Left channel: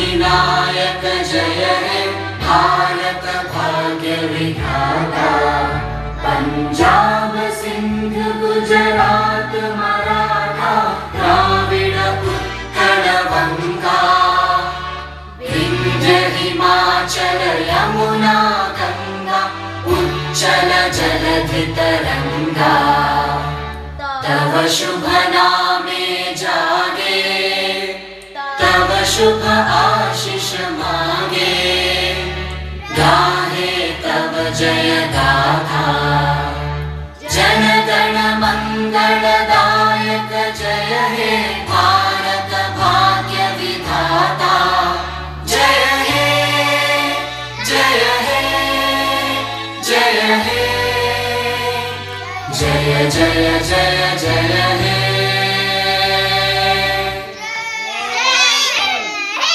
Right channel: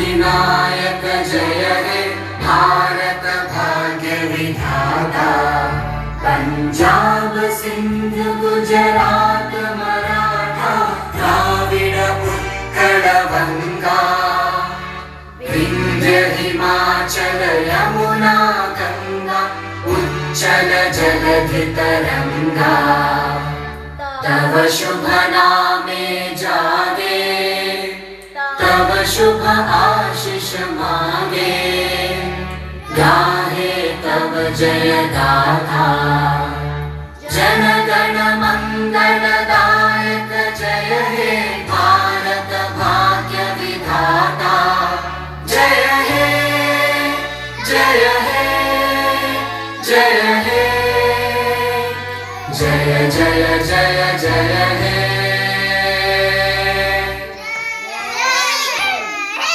अधिनायक जय हे भारत भाग्य विधाता। पंजाब सिंध गुजरात मराठा द्राविड उत्कल गंगा। विंध्य हिमाचल यमुना गंगा उच्चल जलधि तरंगा। तव शुभ नामे जागे तव शुभ आशीष मांगे। गाहे तव जय गाथा जन